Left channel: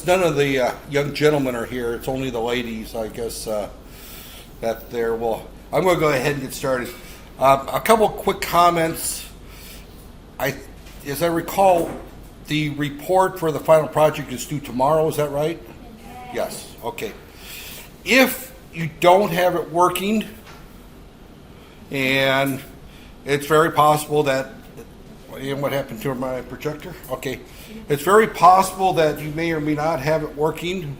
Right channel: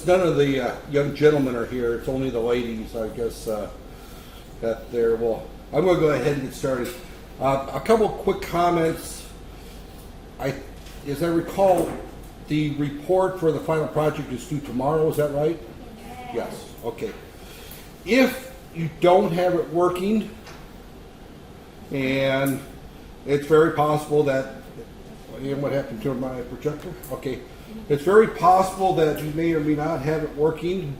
since none of the young gentlemen are here, it's only the ladies, I guess, that there will. I'm going to go ahead and get started. A couple quick comments. As I recall, the report for the final project is due tomorrow, is that right? Yes, okay. If you don't have it working, and it's very possible that, and what happened to my projector? Okay. It's very possible that you may or may not have it working,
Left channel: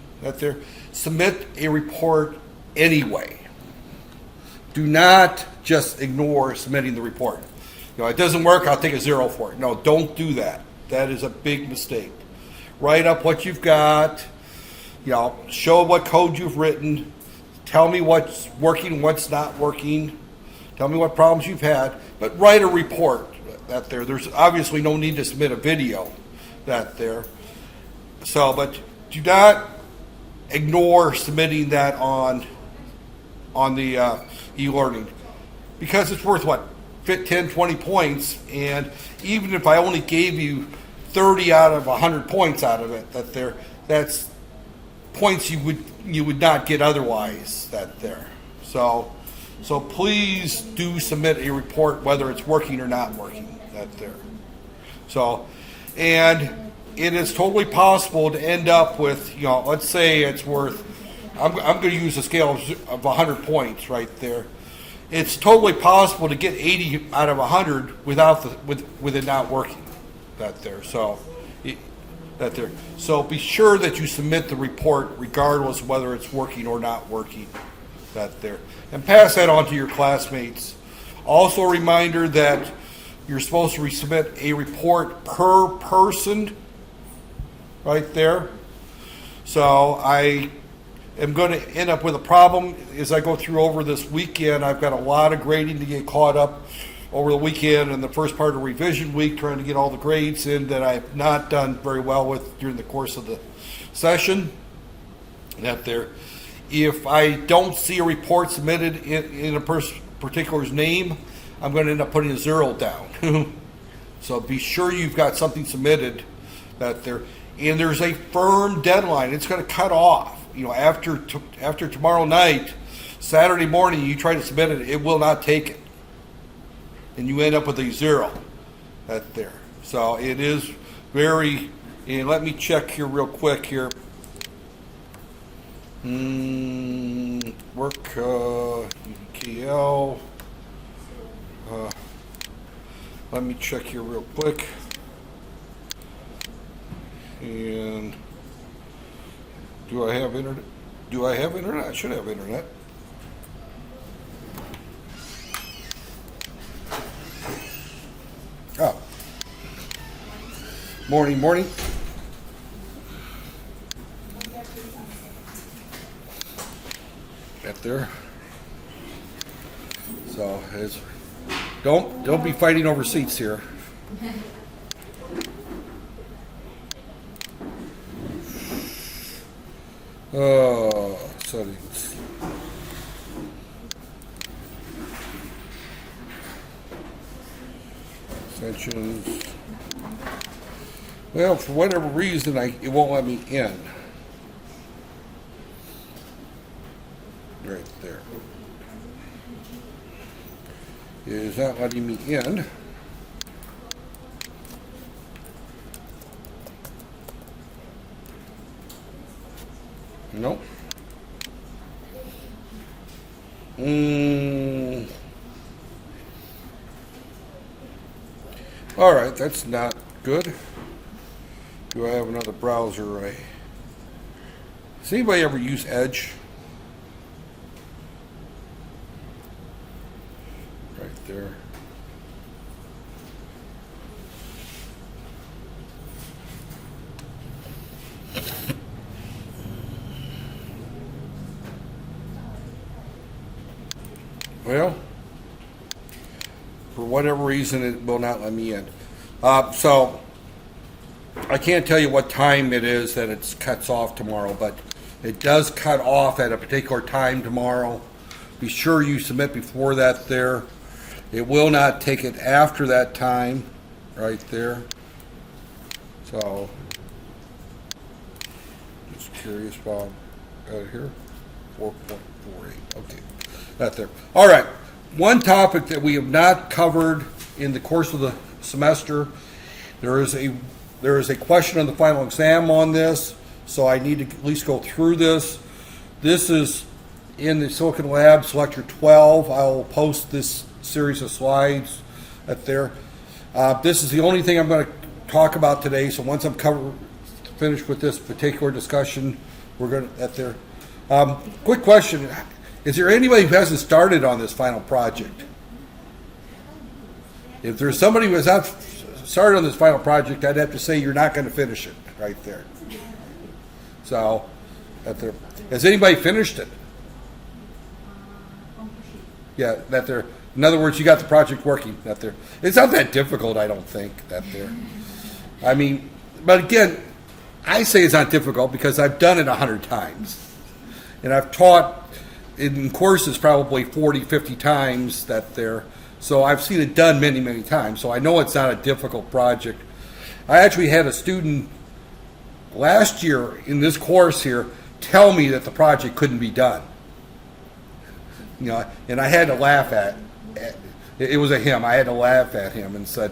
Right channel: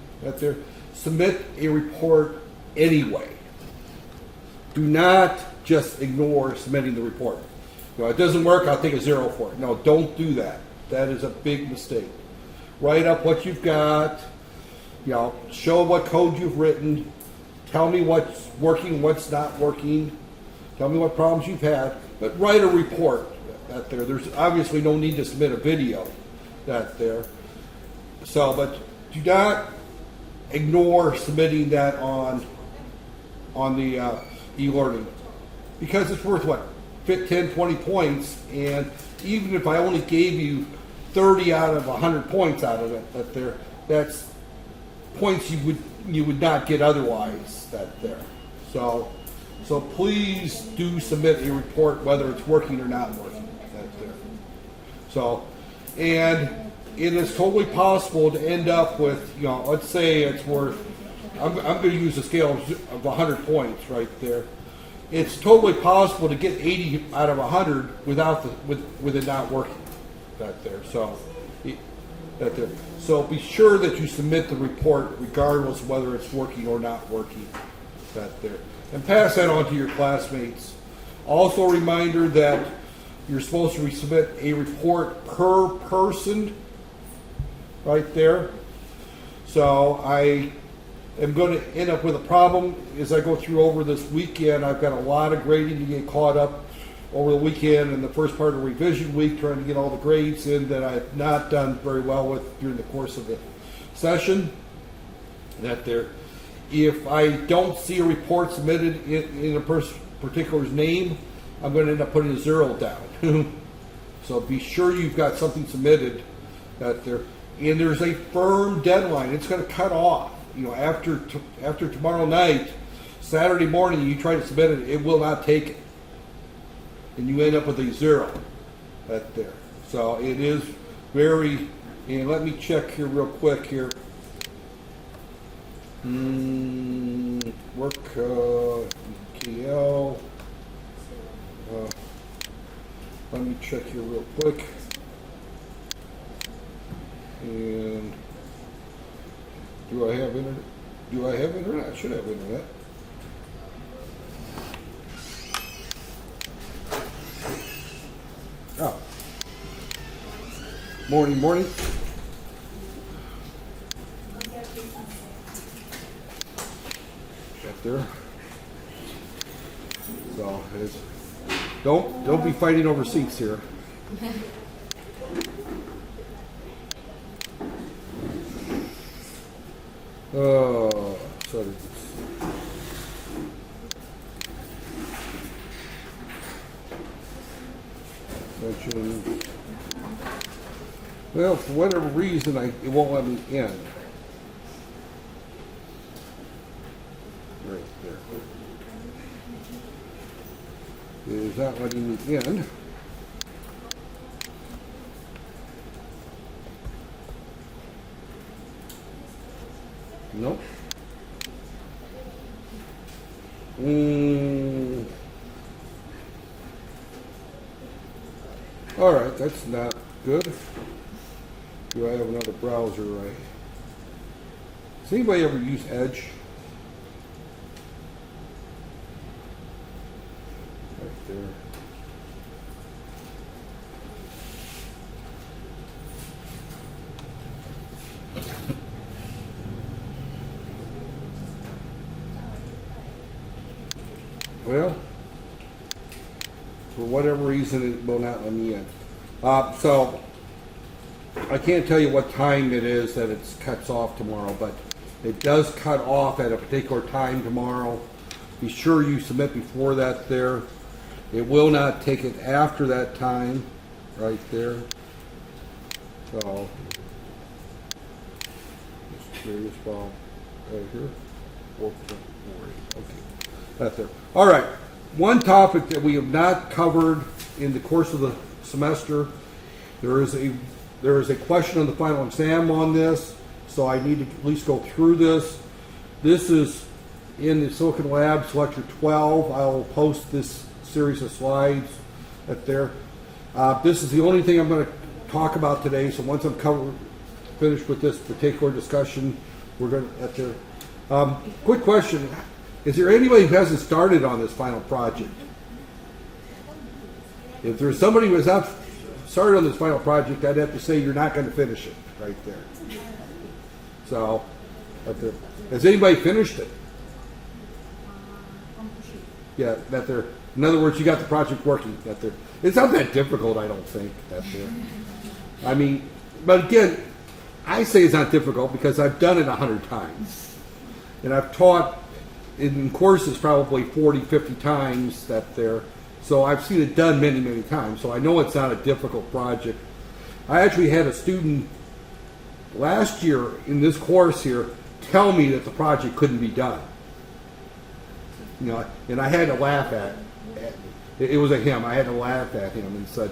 submit a report anyway. Do not just ignore submitting the report. It doesn't work, I'll take a 0 for it. No, don't do that. That is a big mistake. Write up what you've got, show what code you've written, tell me what's working, what's not working, tell me what problems you've had, but write a report. There's obviously no need to submit a video. But do not ignore submitting that on the e-learning, because it's worth 10, 20 points, and even if I only gave you 30 out of 100 points out of it, that's points you would not get otherwise. So please do submit a report whether it's working or not working. And it is totally possible to end up with, let's say it's worth, I'm going to use a scale of 100 points right there. It's totally possible to get 80 out of 100 with it not working. So be sure that you submit the report regardless of whether it's working or not working. And pass that on to your classmates. Also a reminder that you're supposed to submit a report per person right there. So I am going to end up with a problem as I go through over this weekend. I've got a lot of grading to get caught up over the weekend and the first part of revision week, trying to get all the grades in that I've not done very well with during the course of the session. If I don't see a report submitted in a particular's name, I'm going to end up putting a 0 down. So be sure you've got something submitted and there's a firm deadline. It's going to cut off. After tomorrow night, Saturday morning, you try to submit it, it will not take it, and you end up with a 0. So it is very. And let me check here real quick here. Work KL. Let me check here real quick. And do I have internet? I should have internet. Oh. Morning. Got there. So don't be fighting over seats here. Sessions. Well, for whatever reason, it won't let me in. Right there. It is not letting me in. Nope. All right, that's not good. Do I have another browser? Does anybody ever use Edge? Right there. Well, for whatever reason, it will not let me in. So I can't tell you what time it is that it cuts off tomorrow, but it does cut off at a particular time tomorrow. Be sure you submit before that there. It will not take it after that time, right there. So, curious about here. 4.48. Okay, that there. All right. One topic that we have not covered in the course of the semester, there is a question on the final exam on this, so I need to at least go through this. This is in the Silicon Labs Lecture 12. I will post this series of slides at there. This is the only thing I'm going to talk about today, so once I'm finished with this particular discussion, we're going to at there. Quick question. Is there anybody who hasn't started on this final project? If there's somebody who has not started on this final project, I'd have to say you're not going to finish it right there. So, has anybody finished it? Yeah, that there. In other words, you got the project working. That there. It's not that difficult, I don't think. That there. I mean, but again, I say it's not difficult because I've done it 100 times, and I've taught in courses probably 40, 50 times that there. So I've seen it done many, many times. So I know it's not a difficult project. I actually had a student last year in this course here tell me that the project couldn't be done. You know, and I had to laugh at it was a him. I had to laugh at him and said,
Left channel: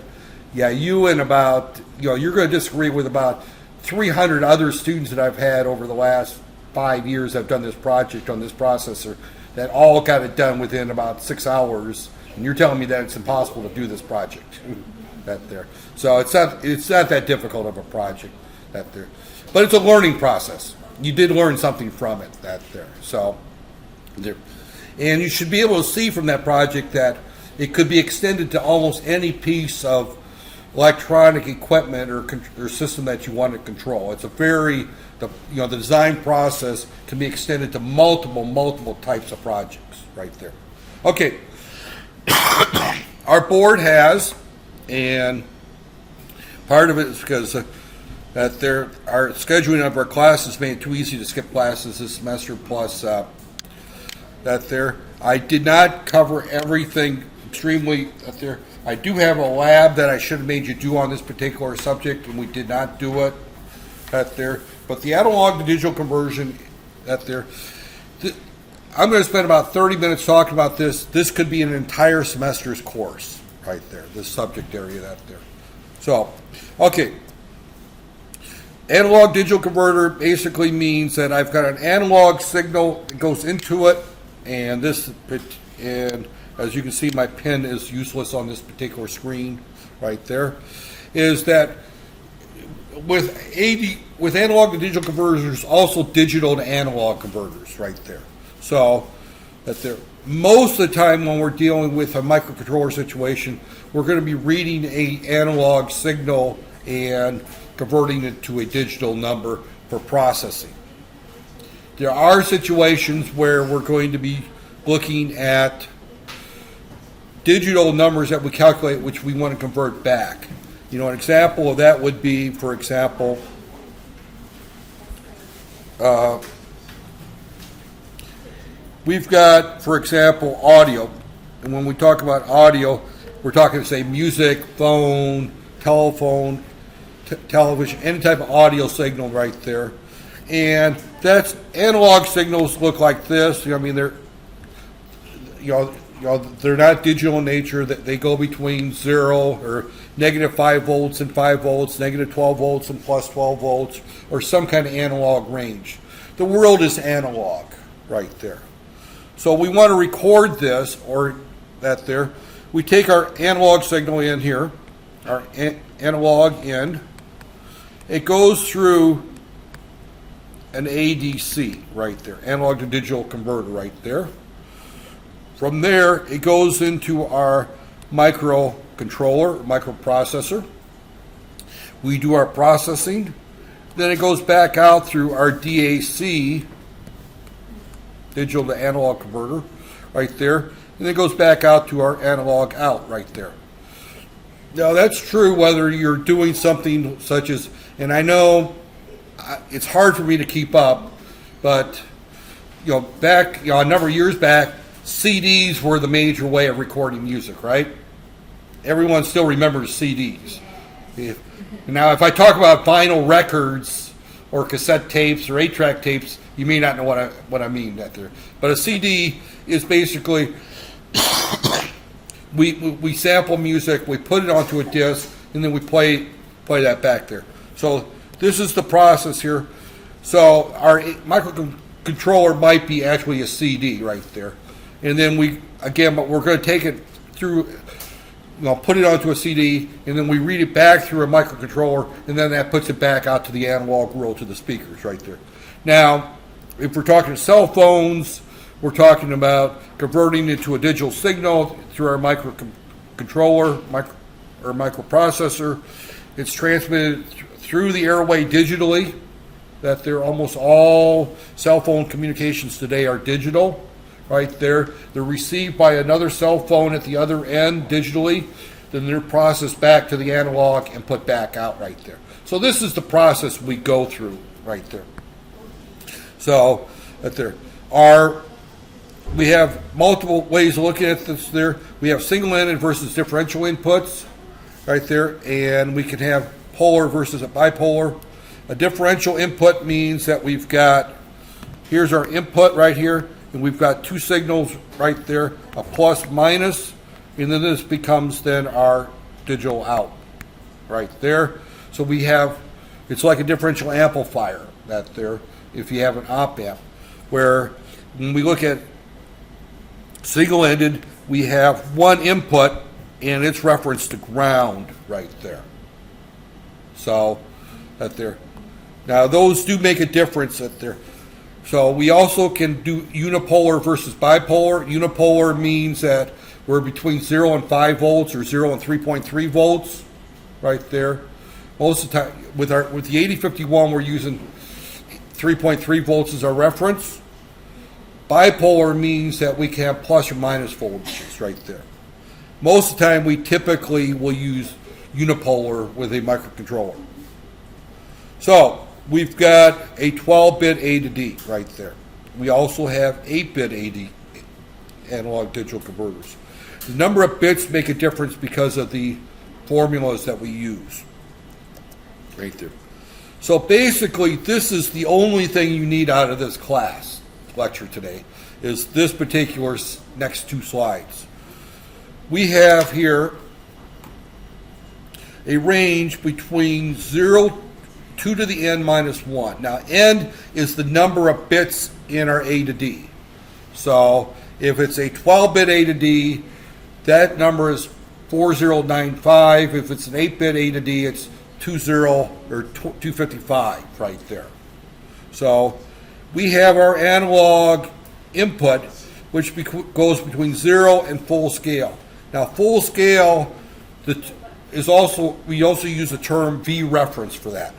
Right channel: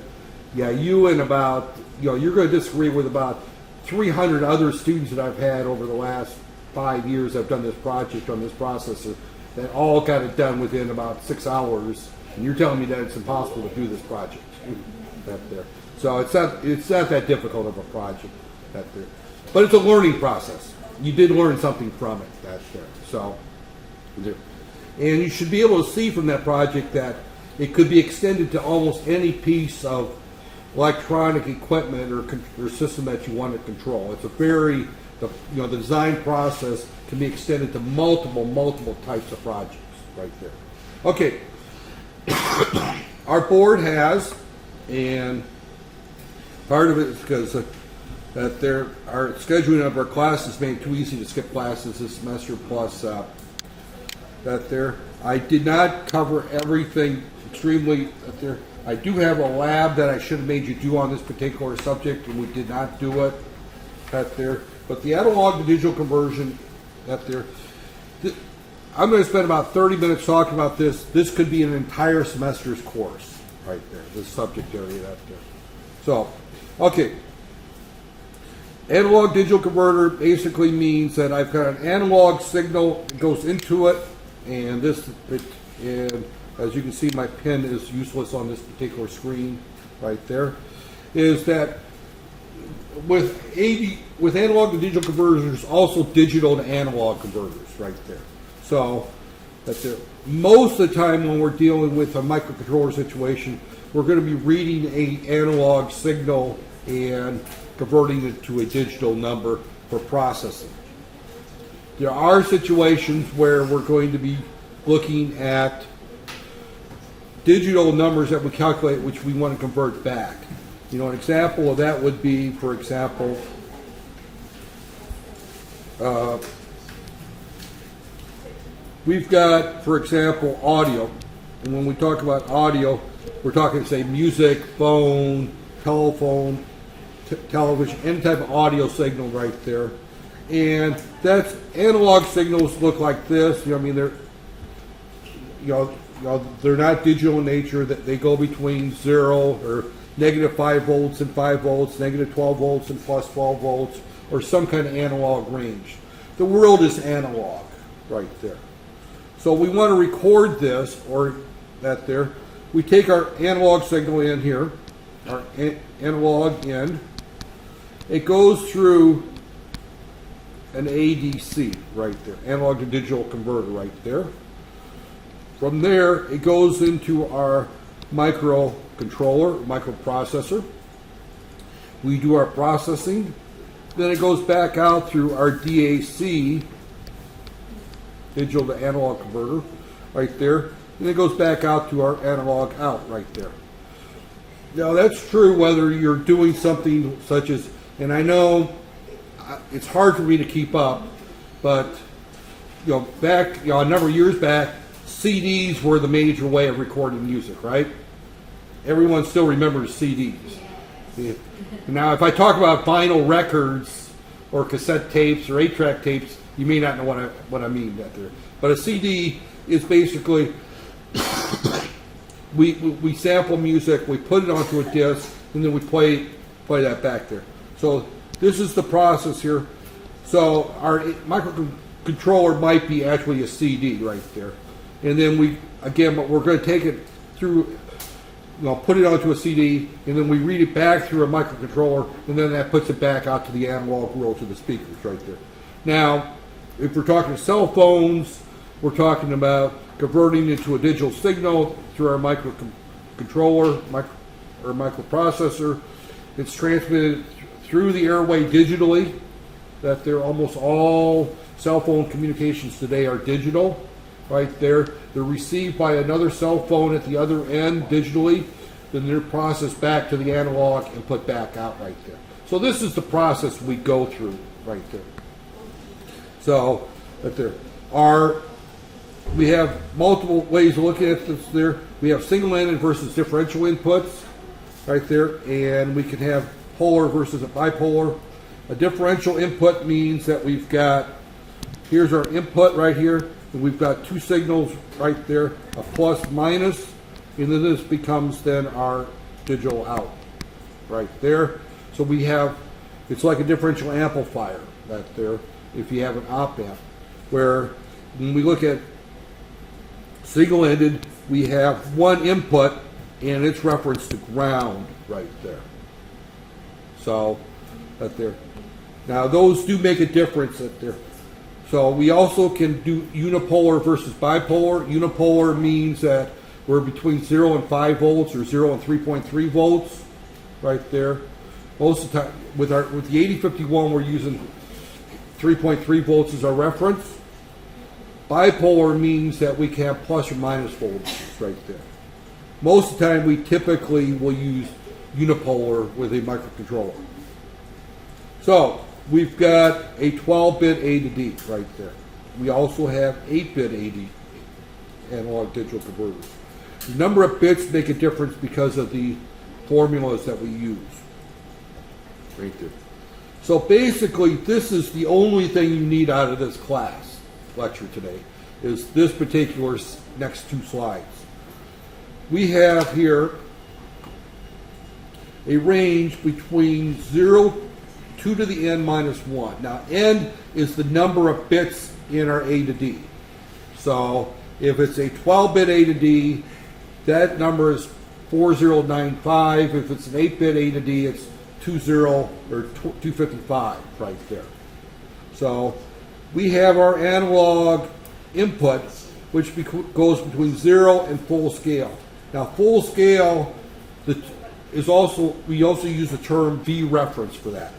yeah, you and about, you know, you're going to disagree with about 300 other students that I've had over the last 5 years I've done this project on this processor that all got it done within about 6 hours, and you're telling me that it's impossible to do this project. That there. So it's not that difficult of a project that there. But it's a learning process. You did learn something from it that there. So there. And you should be able to see from that project that it could be extended to almost any piece of electronic equipment or system that you want to control. It's a very, the design process can be extended to multiple types of projects right there. Okay. Our board has, and part of it is because that our scheduling of our classes made it too easy to skip classes this semester, plus I did not cover everything extremely there. I do have a lab that I should have made you do on this particular subject, and we did not do it at there. But the analog to digital conversion at there, I'm going to spend about 30 minutes talking about this. This could be an entire semester's course right there, this subject area that there. So, okay. Analog digital converter basically means that I've got an analog signal that goes into it, and as you can see, my pen is useless on this particular screen right there, is that with analog to digital converters, there's also digital to analog converters right there. So that there, most of the time when we're dealing with a microcontroller situation, we're going to be reading an analog signal and converting it to a digital number for processing. There are situations where we're going to be looking at digital numbers that we calculate, which we want to convert back. You know, an example of that would be, for example, we've got, for example, audio. And when we talk about audio, we're talking, say, music, phone, telephone, television, any type of audio signal right there. And that's analog signals look like this. You know, I mean, they're not digital in nature. That they go between 0 or negative 5 volts and 5 volts, negative 12 volts and plus 12 volts, or some kind of analog range. The world is analog right there. So we want to record this, or that there. We take our analog signal in here, our analog in. It goes through an ADC right there, analog to digital converter right there. From there, it goes into our microcontroller, microprocessor. We do our processing. Then it goes back out through our DAC, digital to analog converter, right there. And it goes back out to our analog out right there. Now that's true whether you're doing something such as, and I know it's hard for me to keep up, but back a number of years back, CDs were the major way of recording music, right? Everyone still remembers CDs. Now, if I talk about vinyl records, or cassette tapes or 8-track tapes, you may not know what I mean that there. But a CD is basically we sample music, we put it onto a disc, and then we play that back there. So this is the process here. So our microcontroller might be actually a CD right there, and then but we're going to take it through. Put it onto a CD, and then we read it back through a microcontroller, and then that puts it back out to the analog world, to the speakers right there. Now, if we're talking cell phones, we're talking about converting it to a digital signal through our microcontroller or microprocessor. It's transmitted through the airway digitally. That they're almost all cell phone communications today are digital. Right there, they're received by another cell phone at the other end digitally, then they're processed back to the analog and put back out right there. So this is the process we go through right there. So we have multiple ways of looking at this there. We have single-ended versus differential inputs right there, and we can have polar versus a bipolar. A differential input means that here's our input right here, and we've got two signals right there, a plus minus, and then this becomes then our digital out right there. So it's like a differential amplifier that there, if you have an op amp, where when we look at single-ended, we have one input and it's referenced to ground right there. So that there. Now those do make a difference that there. So we also can do unipolar versus bipolar. Unipolar means that we're between 0 and 5 volts or 0 and 3.3 volts right there. Most of the time with the 8051 we're using 3.3 volts as our reference. Bipolar means that we can have plus or minus voltages right there. Most of the time we typically will use unipolar with a microcontroller. So we've got a 12-bit A to D right there. We also have 8-bit AD, analog digital converters. The number of bits make a difference because of the formulas that we use right there. So basically, this is the only thing you need out of this lecture today, is this particular next two slides. We have here a range between 2 to the n minus 1. Now, n is the number of bits in our A to D. So if it's a 12-bit A to D, that number is 4095. If it's an 8-bit A to D, it's 255 right there. So we have our analog input, which goes between 0 and full scale. Now, full scale we also use the term V reference for that.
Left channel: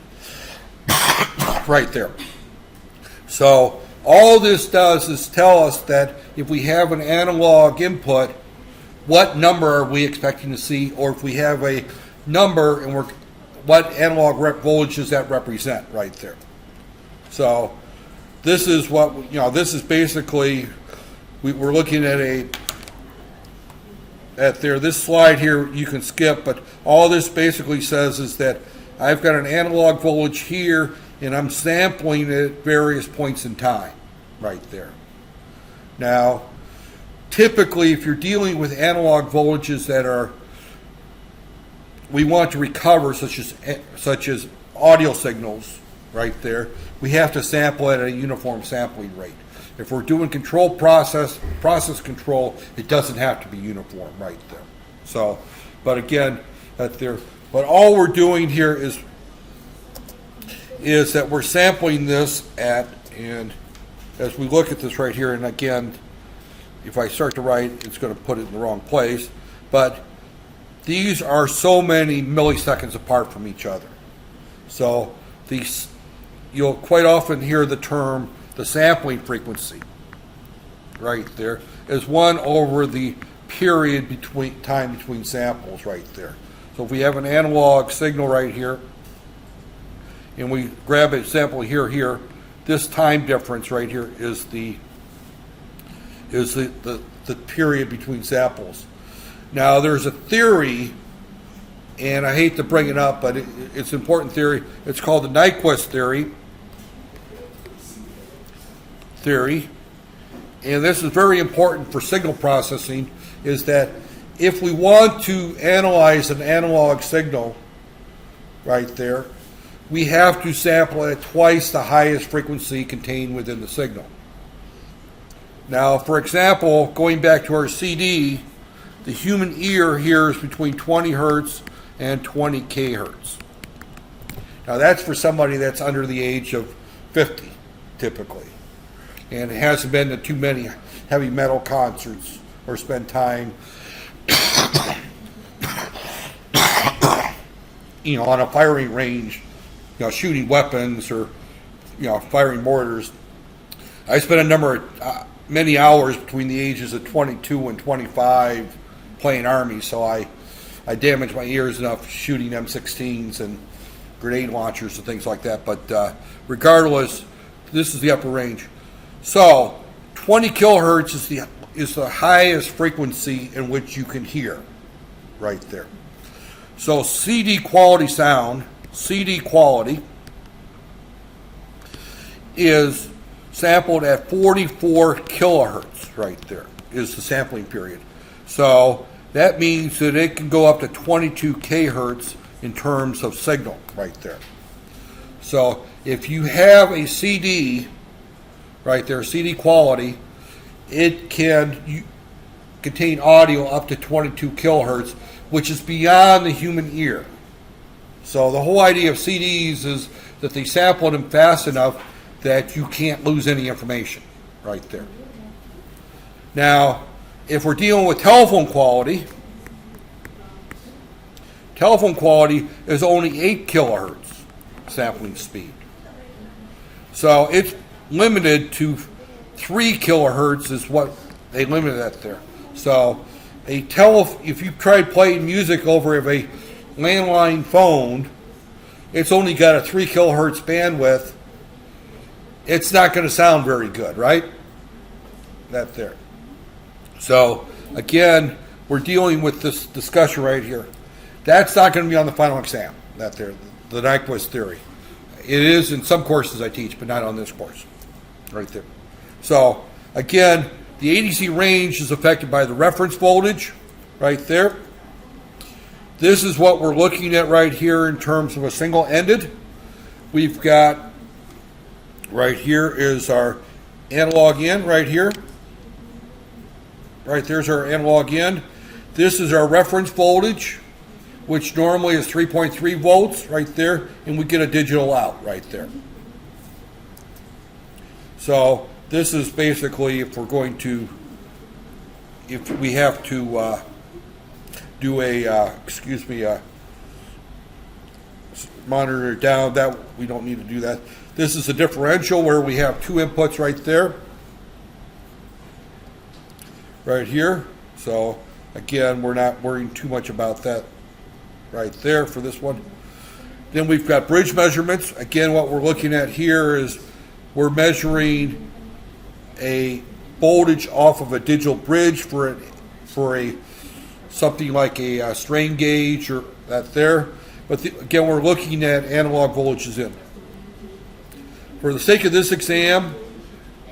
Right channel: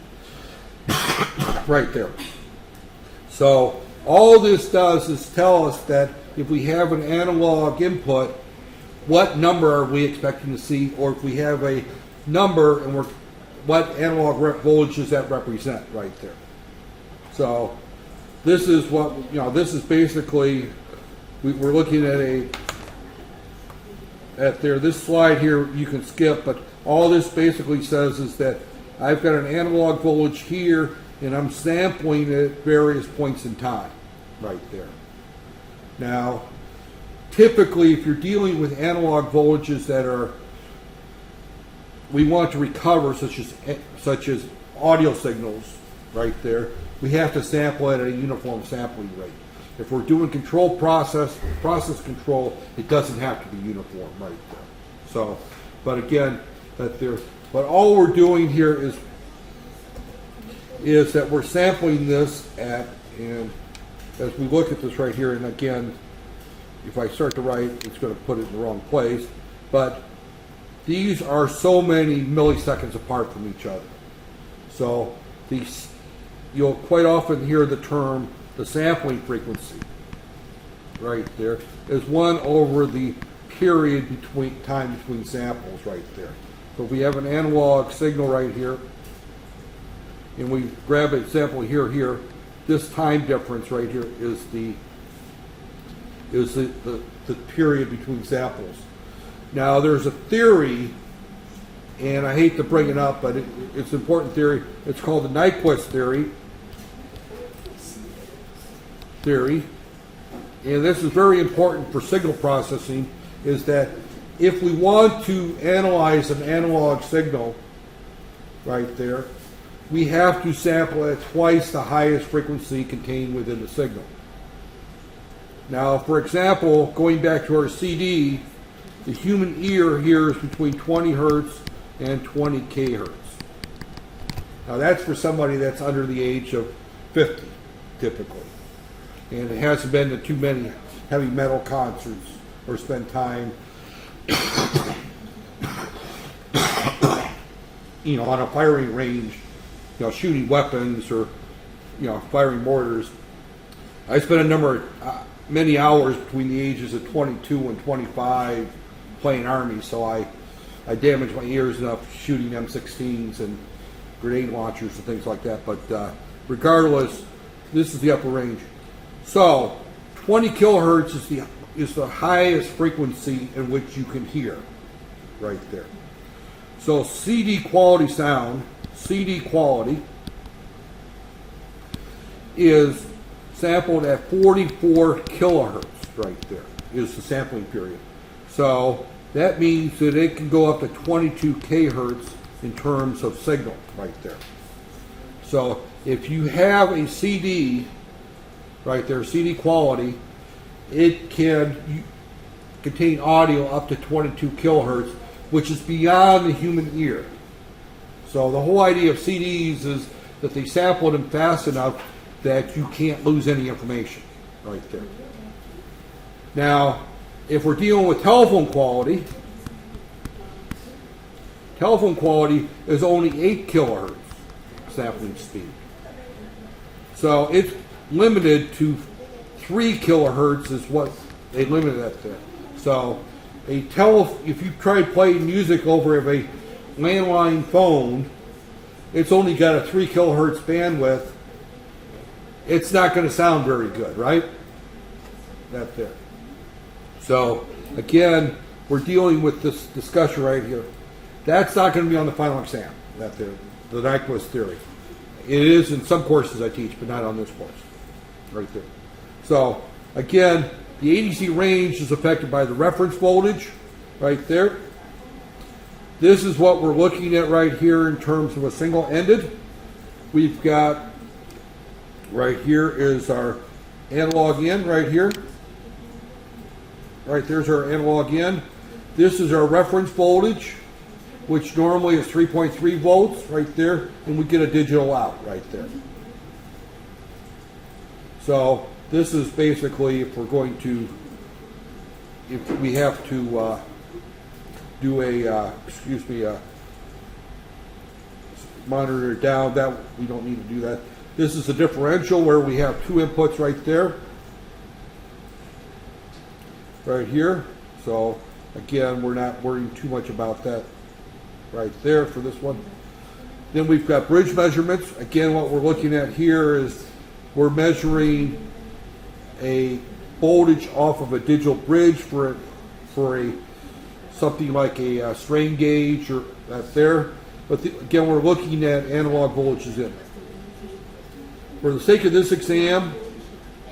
Right there. So all this does is tell us that if we have an analog input, what number are we expecting to see, or if we have a number and what analog voltage does that represent right there. So this is this is basically we're looking at this slide here you can skip, but all this basically says is that I've got an analog voltage here, and I'm sampling it at various points in time, right there. Now, typically, if you're dealing with analog voltages that we want to recover, such as audio signals, right there, we have to sample at a uniform sampling rate. If we're doing process control, it doesn't have to be uniform, right there. So, but again, but all we're doing here is that we're sampling this and as we look at this right here, and again, if I start to write, it's going to put it in the wrong place, but these are so many milliseconds apart from each other. So you'll quite often hear the term, the sampling frequency, right there, is 1 over the period between samples right there. So if we have an analog signal right here, and we grab a sample here, this time difference right here is the period between samples. Now there's a theory, and I hate to bring it up, but it's an important theory. It's called the Nyquist theory, theory, and this is very important for signal processing, is that if we want to analyze an analog signal right there, we have to sample it at twice the highest frequency contained within the signal. Now, for example, going back to our CD, the human ear hears between 20 hertz and 20 kHz. Now, that's for somebody that's under the age of 50, typically. And it hasn't been to too many heavy metal concerts or spent time on a firing range, shooting weapons or, firing mortars. I spent many hours between the ages of 22 and 25 playing Army, so I damaged my ears enough shooting M16s and grenade launchers and things like that. But regardless, this is the upper range. So 20 kilohertz is the highest frequency in which you can hear right there. So CD quality sound, CD quality, is sampled at 44 kilohertz right there, is the sampling period. So that means that it can go up to 22 kHz in terms of signal right there. So if you have a CD right there, CD quality, it can contain audio up to 22 kilohertz, which is beyond the human ear. So the whole idea of CDs is that they sample them fast enough that you can't lose any information right there. Now, if we're dealing with telephone quality is only 8 kilohertz sampling speed. So it's limited to 3 kilohertz is what they limited that there. So if you tried playing music over a landline phone, it's only got a 3 kilohertz bandwidth. It's not going to sound very good, right? That there. So again, we're dealing with this discussion right here. That's not going to be on the final exam. That there, the Nyquist theory. It is in some courses I teach, but not on this course. Right there. So again, the ADC range is affected by the reference voltage right there. This is what we're looking at right here in terms of a single-ended. We've got right here is our analog in right here. Right there's our analog in. This is our reference voltage, which normally is 3.3 volts right there, and we get a digital out right there. So this is basically if we have to do a monitor down, that we don't need to do that. This is a differential where we have two inputs right there, right here. So again, we're not worrying too much about that right there for this one. Then we've got bridge measurements. Again, what we're looking at here is we're measuring a voltage off of a digital bridge for something like a strain gauge or that there. But again, we're looking at analog voltages in. For the sake of this exam,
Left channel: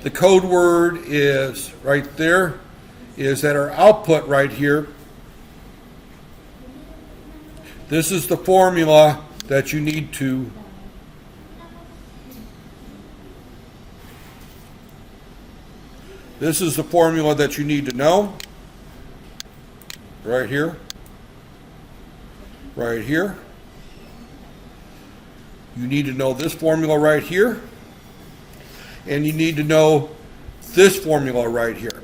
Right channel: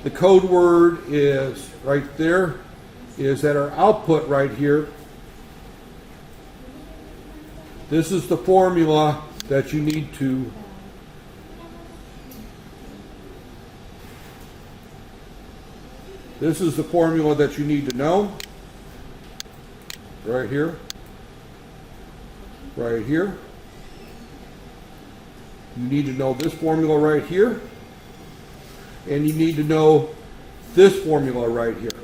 the code word is right there, is that our output right here. This is the formula that you need to know. Right here. Right here. You need to know this formula right here. And you need to know this formula right here.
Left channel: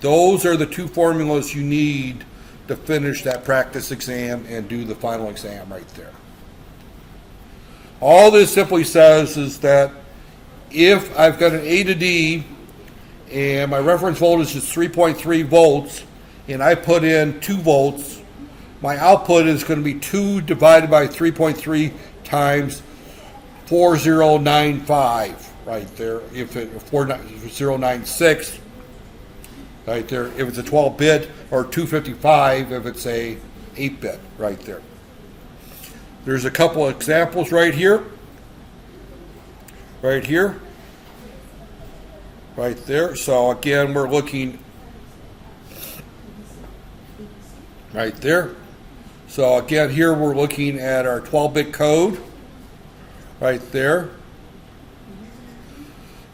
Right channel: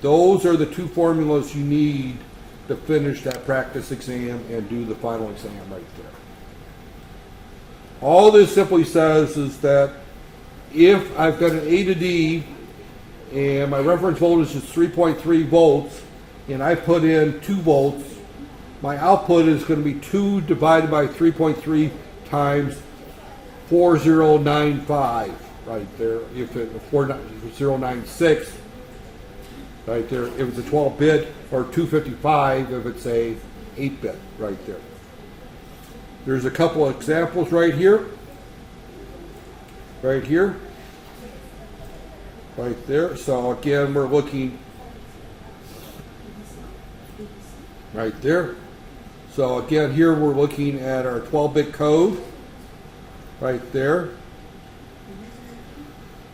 Those are the two formulas you need to finish that practice exam and do the final exam right there. All this simply says is that if I've got an A to D and my reference voltage is 3.3 volts and I put in 2 volts, my output is going to be 2 divided by 3.3 times 4095 right there. If it's 4096 right there, if it's a 12-bit, or 255 if it's a 8-bit right there. There's a couple of examples right here. Right here. right there. So again, we're looking right there. So again, here we're looking at our 12-bit code right there.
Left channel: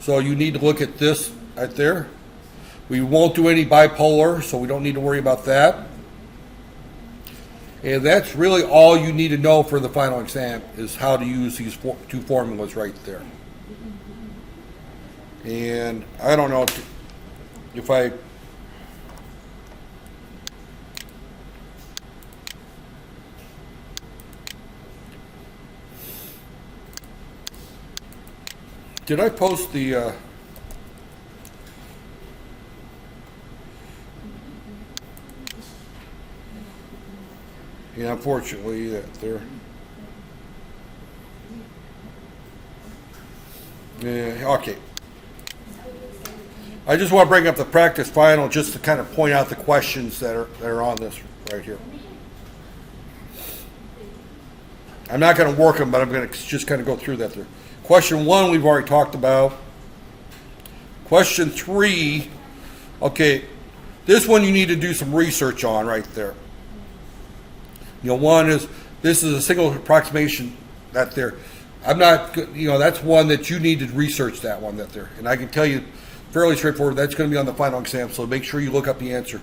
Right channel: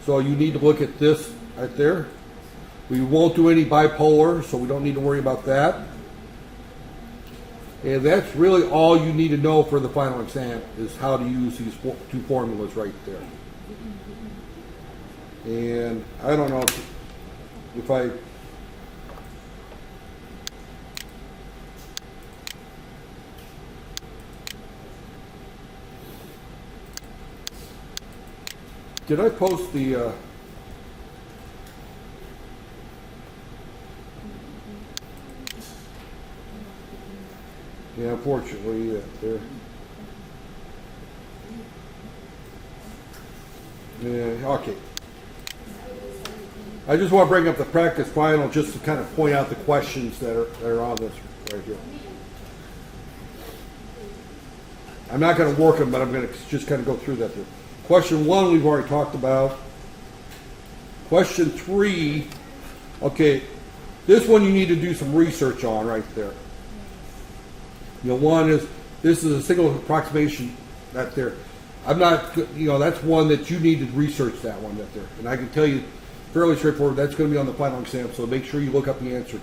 So you need to look at this right there. We won't do any bipolar, so we don't need to worry about that. And that's really all you need to know for the final exam, is how to use these two formulas right there. And I don't know if I did I post the yeah, unfortunately, there. Yeah, okay. I just want to bring up the practice final just to kind of point out the questions that are on this right here. I'm not going to work them, but I'm going to just kind of go through that there. Question 1, we've already talked about. Question 3, okay, this one you need to do some research on right there. You know, one is, this is a single approximation that there. I'm not, you know, that's one that you need to research that one that there. And I can tell you fairly straightforward, that's going to be on the final exam, so make sure you look up the answer.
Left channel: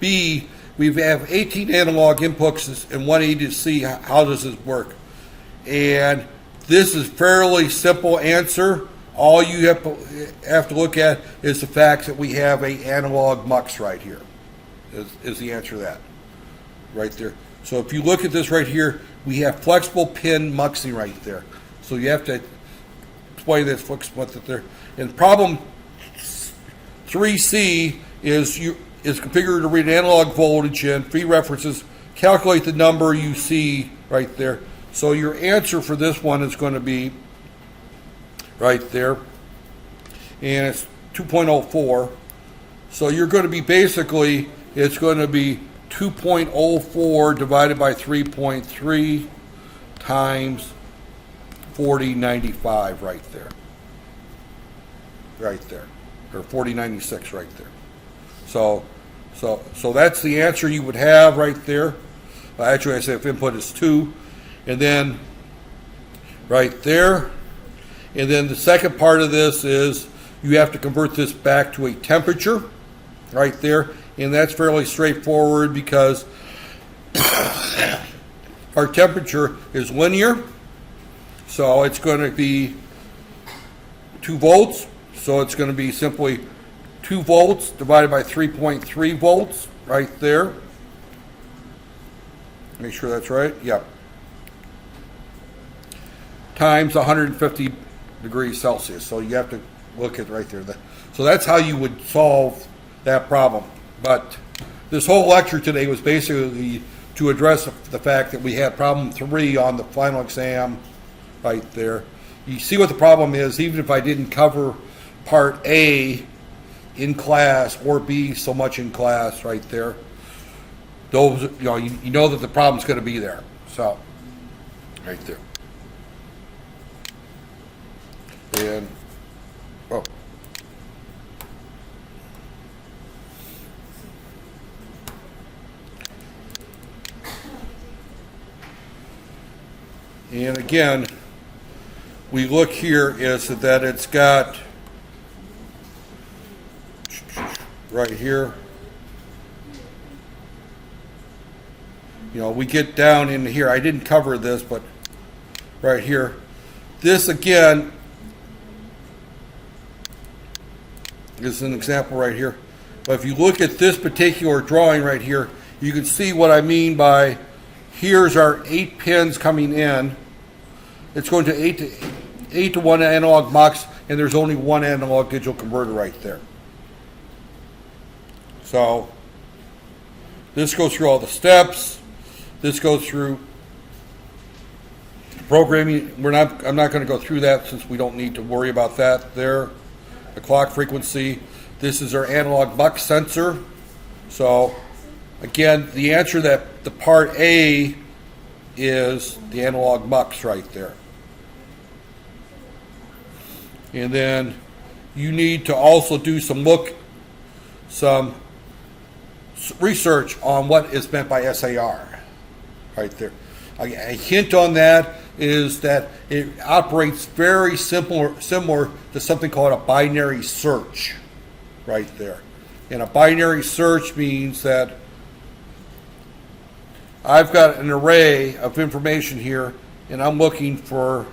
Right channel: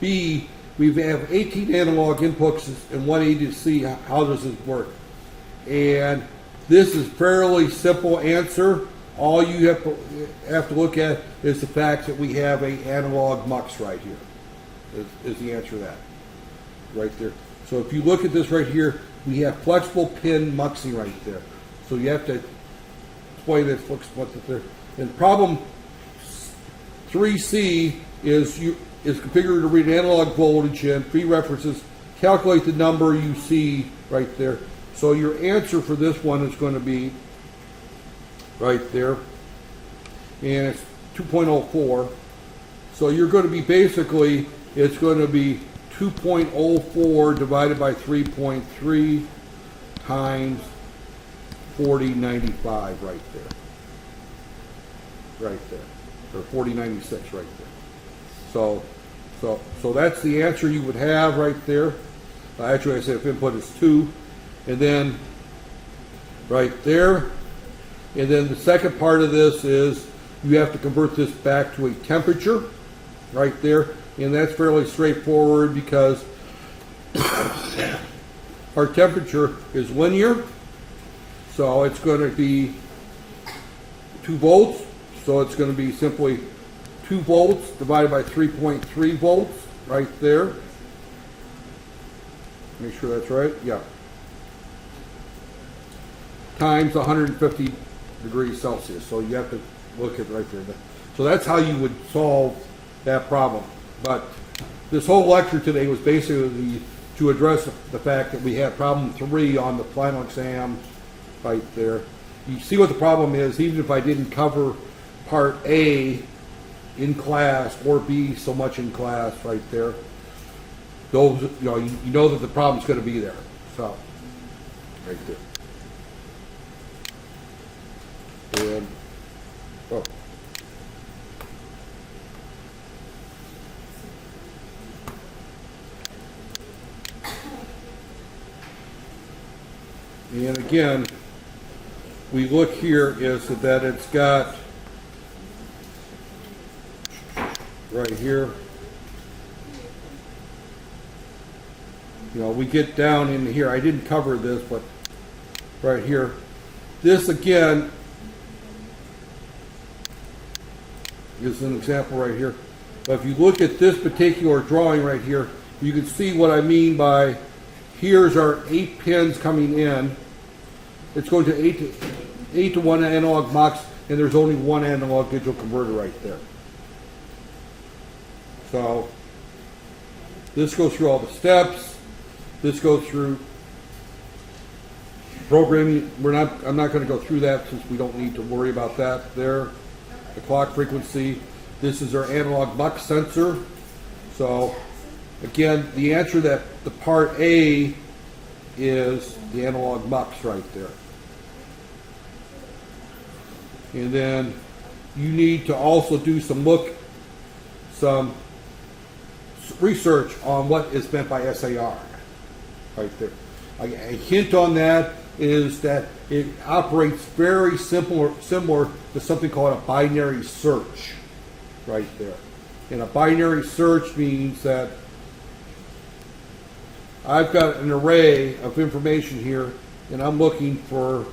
B, we have 18 analog inputs and 180 to see how does this work. And this is fairly simple answer. All you have to look at is the fact that we have a analog mux right here, is the answer to that, right there. So if you look at this right here, we have flexible pin muxing right there. So you have to explain this, what that there. And problem 3C is configured to read analog voltage in, feed references, calculate the number you see right there. So your answer for this one is going to be right there, and it's 2.04. So you're going to be basically, it's going to be 2.04 divided by 3.3 times 4095 right there. Right there. Or 4096 right there. So that's the answer you would have right there. Actually, I say if input is 2. And then right there. And then the second part of this is you have to convert this back to a temperature right there. And that's fairly straightforward because our temperature is linear. So it's going to be 2 volts. So it's going to be simply 2 volts divided by 3.3 volts right there. Make sure that's right. Yep. Times 150 degrees Celsius. So you have to look at right there. So that's how you would solve that problem. But this whole lecture today was basically to address the fact that we had problem 3 on the final exam right there. You see what the problem is, even if I didn't cover part A in class or B so much in class right there. Those, you know that the problem's going to be there. So, right there. And, oh. And again, we look here is that it's got right here. We get down in here. I didn't cover this, but right here. This again is an example right here. But if you look at this particular drawing right here, you can see what I mean by here's our 8 pins coming in. It's going to 8 to 1 analog mux, and there's only one analog digital converter right there. So this goes through all the steps. This goes through programming. I'm not going to go through that since we don't need to worry about that there. The clock frequency. This is our analog mux sensor. So again, the answer that the part A is the analog mux right there. And then you need to also do some research on what is meant by SAR, right there. A hint on that is that it operates very similar to something called a binary search, right there. And a binary search means that I've got an array of information here, and I'm looking for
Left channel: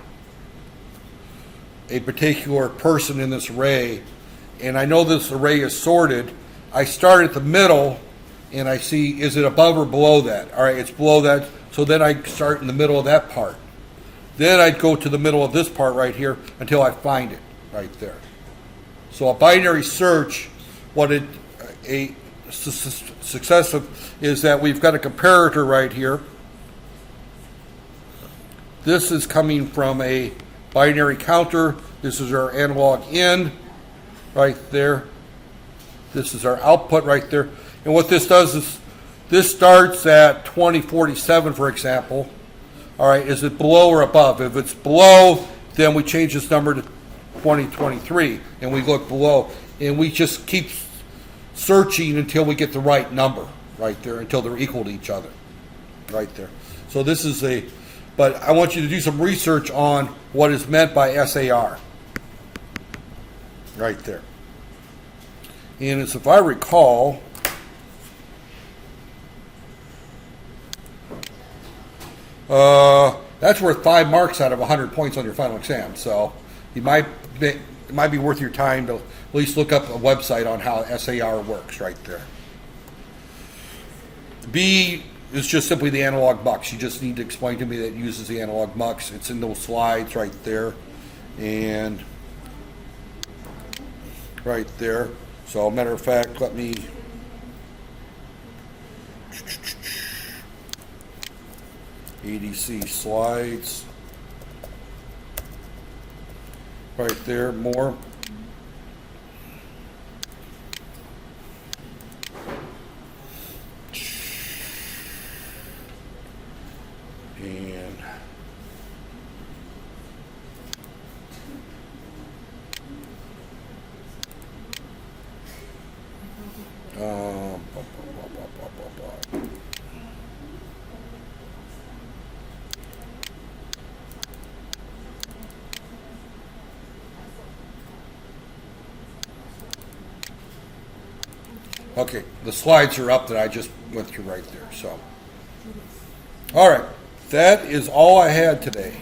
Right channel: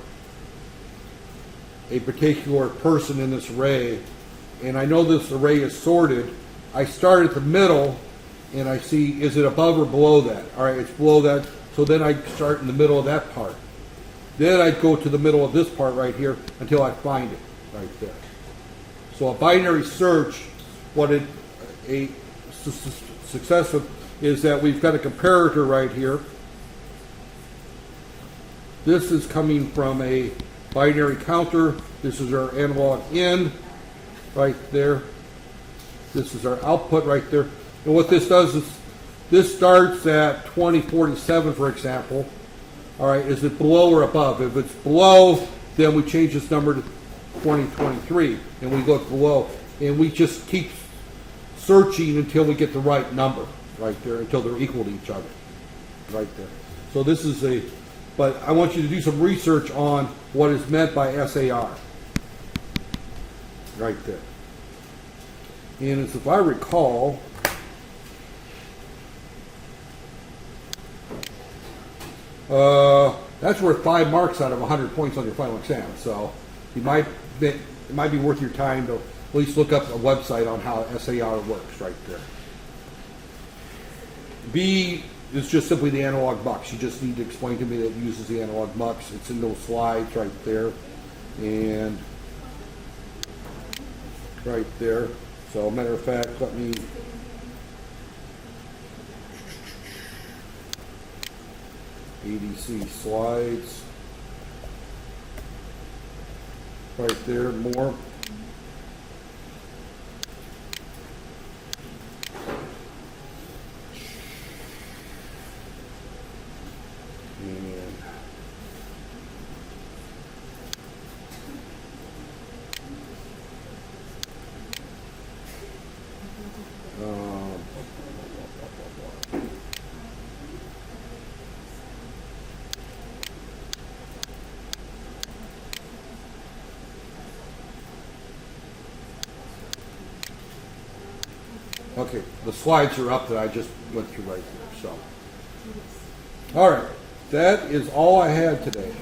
a particular person in this array, and I know this array is sorted. I start at the middle, and I see, is it above or below that? All right, it's below that, so then I start in the middle of that part. Then I'd go to the middle of this part right here until I find it right there. So a binary search, a successive is that we've got a comparator right here. This is coming from a binary counter. This is our analog in right there. This is our output right there. And what this does is this starts at 2047, for example. All right, is it below or above? If it's below, then we change this number to 2023, and we look below, and we just keep searching until we get the right number right there, until they're equal to each other right there. So this is but I want you to do some research on what is meant by SAR right there. And as if I recall, that's worth 5 marks out of 100 points on your final exam. So it might be worth your time to at least look up a website on how SAR works right there. B is just simply the analog mux. You just need to explain to me that it uses the analog mux. It's in those slides right there. And right there. So matter of fact, let me ADC slides right there, more. And okay, the slides are up that I just went through right there. So, all right, that is all I had today.